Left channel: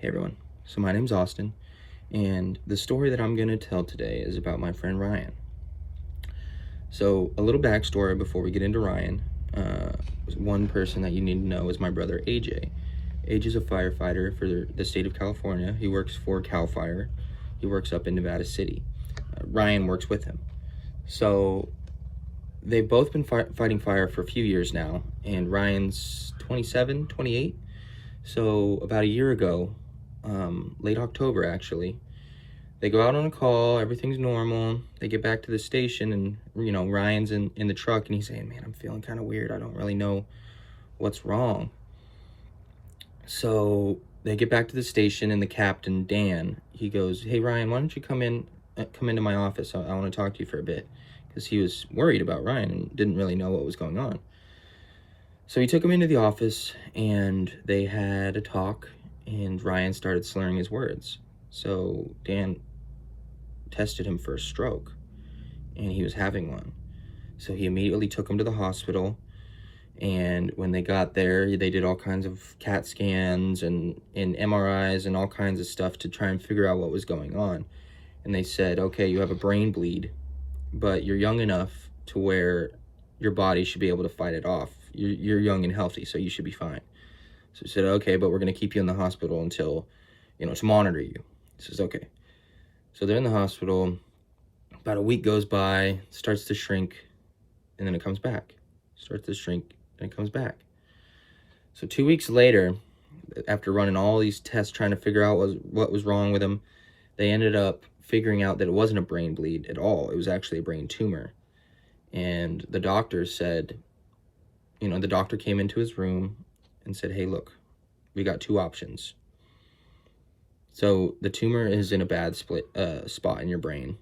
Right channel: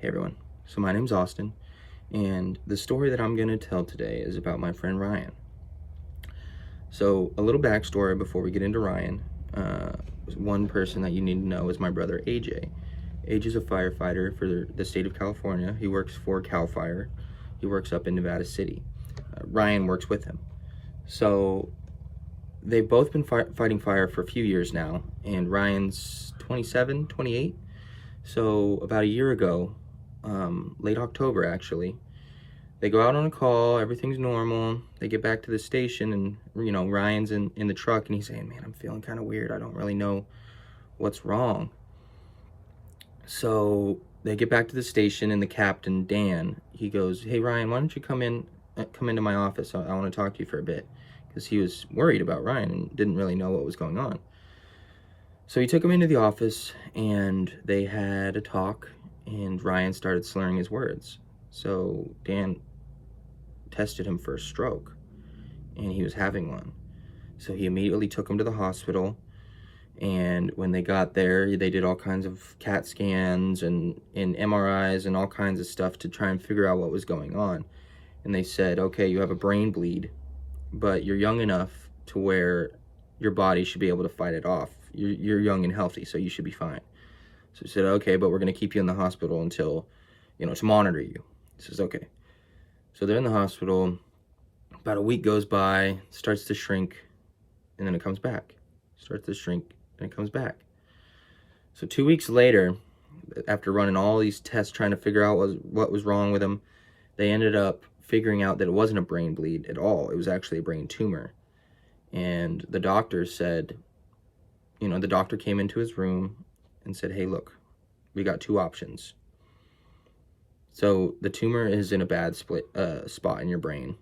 Hey everyone, so my name's Austin, and the story that I'm going to tell today is about my friend Ryan. So, a little backstory before we get into Ryan. One person that you need to know is my brother AJ. AJ is a firefighter for the state of California. He works for CAL FIRE. He works up in Nevada City. Ryan works with him. So, they've both been fighting fire for a few years now, and Ryan's 27, 28. So, about a year ago, late October actually, they go out on a call, everything's normal. They get back to the station, and Ryan's in the truck, and he's saying, man, I'm feeling kind of weird. I don't really know what's wrong. So they get back to the station, and the captain, Dan, he goes, hey Ryan, why don't you come into my office? I want to talk to you for a bit, because he was worried about Ryan and didn't really know what was going on. So he took him into the office, and they had a talk, and Ryan started slurring his words. So Dan tested him for a stroke, and he was having one. So he immediately took him to the hospital, and when they got there, they did all kinds of CAT scans and MRIs and all kinds of stuff to try and figure out what was going on. And they said, okay, you have a brain bleed, but you're young enough to where your body should be able to fight it off. You're young and healthy, so you should be fine. So he said, okay, but we're going to keep you in the hospital until, to monitor you. He says, okay. So they're in the hospital. About a week goes by, starts to shrink, and then it comes back. Starts to shrink, and it comes back. So 2 weeks later, after running all these tests trying to figure out what was wrong with him, they ended up figuring out that it wasn't a brain bleed at all. It was actually a brain tumor. And the doctor said, the doctor came into his room and said, hey, look, we got two options. So the tumor is in a bad spot in your brain.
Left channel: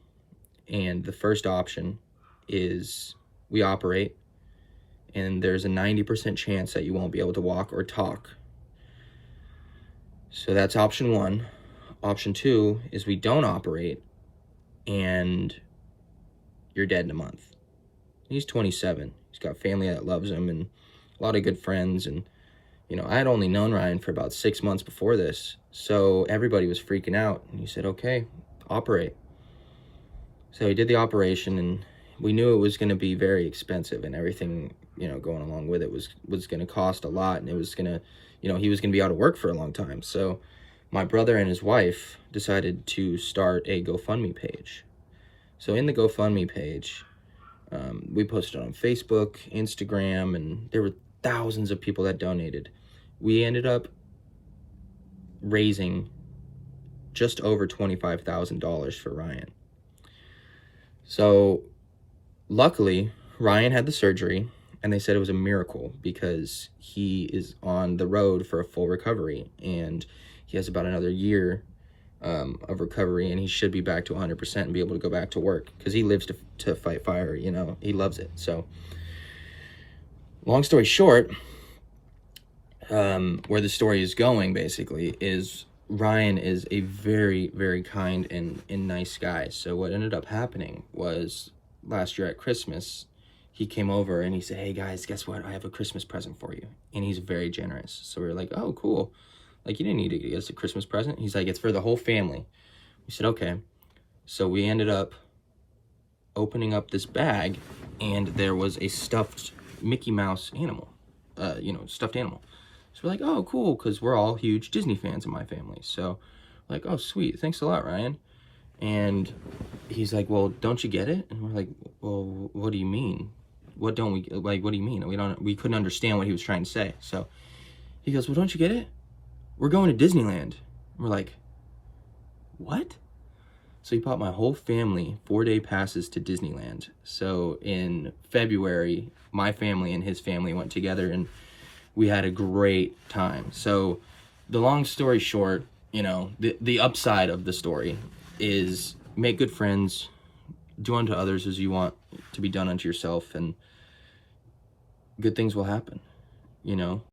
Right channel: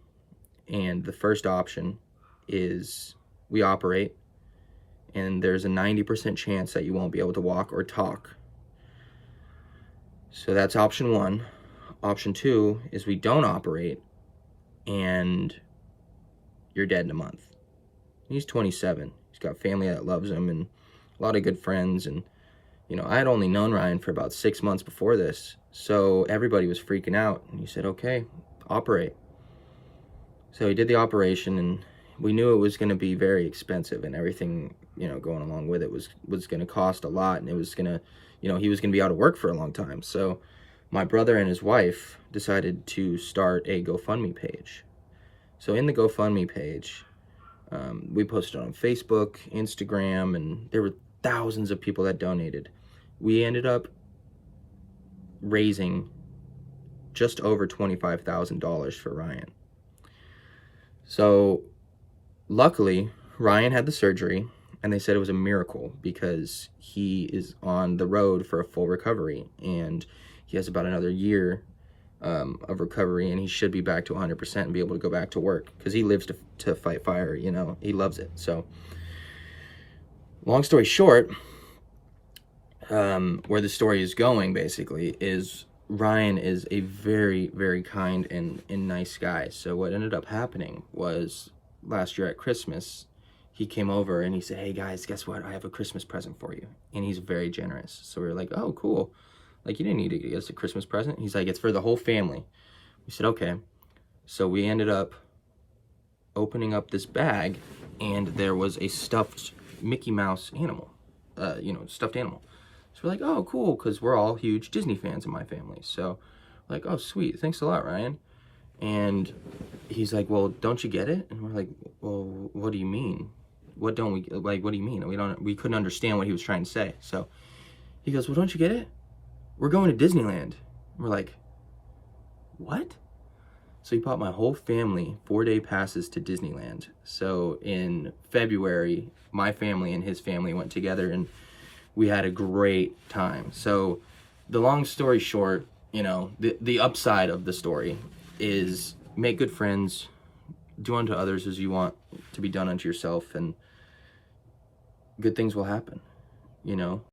And the first option is we operate, and there's a 90% chance that you won't be able to walk or talk. So that's option one. Option two is we don't operate, and you're dead in a month. He's 27. He's got family that loves him and a lot of good friends. And, I had only known Ryan for about 6 months before this. So everybody was freaking out. And he said, okay, operate. So he did the operation, and we knew it was going to be very expensive, and everything, going along with it was going to cost a lot. And it was going to, he was going to be out of work for a long time. So my brother and his wife decided to start a GoFundMe page. So in the GoFundMe page, we posted on Facebook, Instagram, and there were thousands of people that donated. We ended up raising just over $25,000 for Ryan. So luckily, Ryan had the surgery, and they said it was a miracle because he is on the road for a full recovery, and he has about another year of recovery, and he should be back to 100% and be able to go back to work because he lives to fight fire. He loves it. So long story short, where the story is going basically is Ryan is a very, very kind and nice guy. So what ended up happening was last year at Christmas, he came over and he said, hey guys, guess what? I have a Christmas present for you. And he's very generous. So we were like, oh, cool. Like, you didn't need to get us a Christmas present. He's like, it's for the whole family. We said, okay. So we ended up opening up this bag, and there was a stuffed Mickey Mouse animal, stuffed animal. So we're like, oh, cool, because we're all huge Disney fans in my family. So like, oh, sweet, thanks a lot, Ryan. And he's like, well, don't you get it? And we're like, well, what do you mean? What don't we, like, what do you mean? We couldn't understand what he was trying to say. So he goes, well, don't you get it? We're going to Disneyland. We're like, what? So he bought my whole family 4-day passes to Disneyland. So in February, my family and his family went together, and we had a great time. So the long story short, the upside of the story is make good friends, do unto others as you want to be done unto yourself, and good things will happen,